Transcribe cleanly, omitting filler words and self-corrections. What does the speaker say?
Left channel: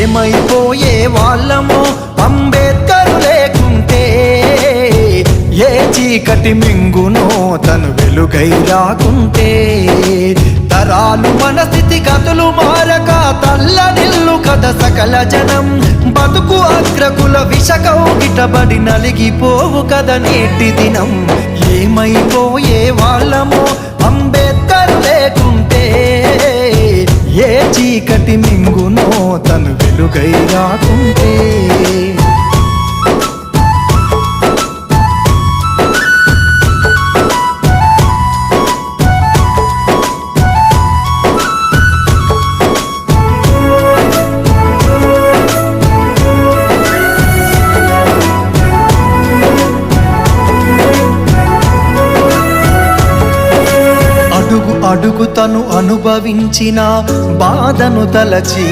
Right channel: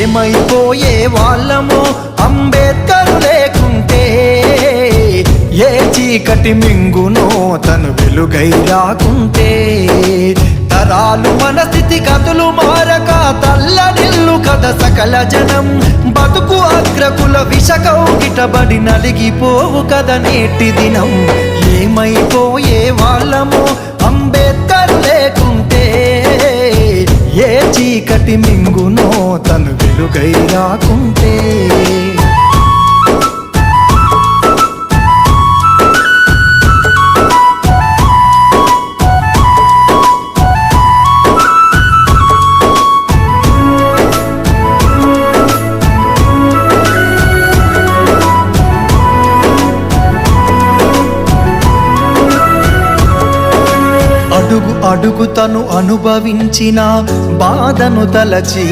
ఏమైపోయే వాళ్ళమో అంబేద్కరు లేకుంటే, ఏ చీకటి మింగునో తను వెలుగై రాకుంటే, తరాలు మన స్థితి గతులు మారక తల్లడిల్లు కథ సకల జనం, బతుకు అగ్రకుల విషకౌగిటబడి నలిగిపోవు కథ నేటి దినం. ఏమైపోయే వాళ్ళమో అంబేద్కరు లేకుంటే, ఏ చీకటి మింగునో తను వెలుగై రాకుంటే. అడుగు అడుగు తను అనుభవించిన బాధను తలచి,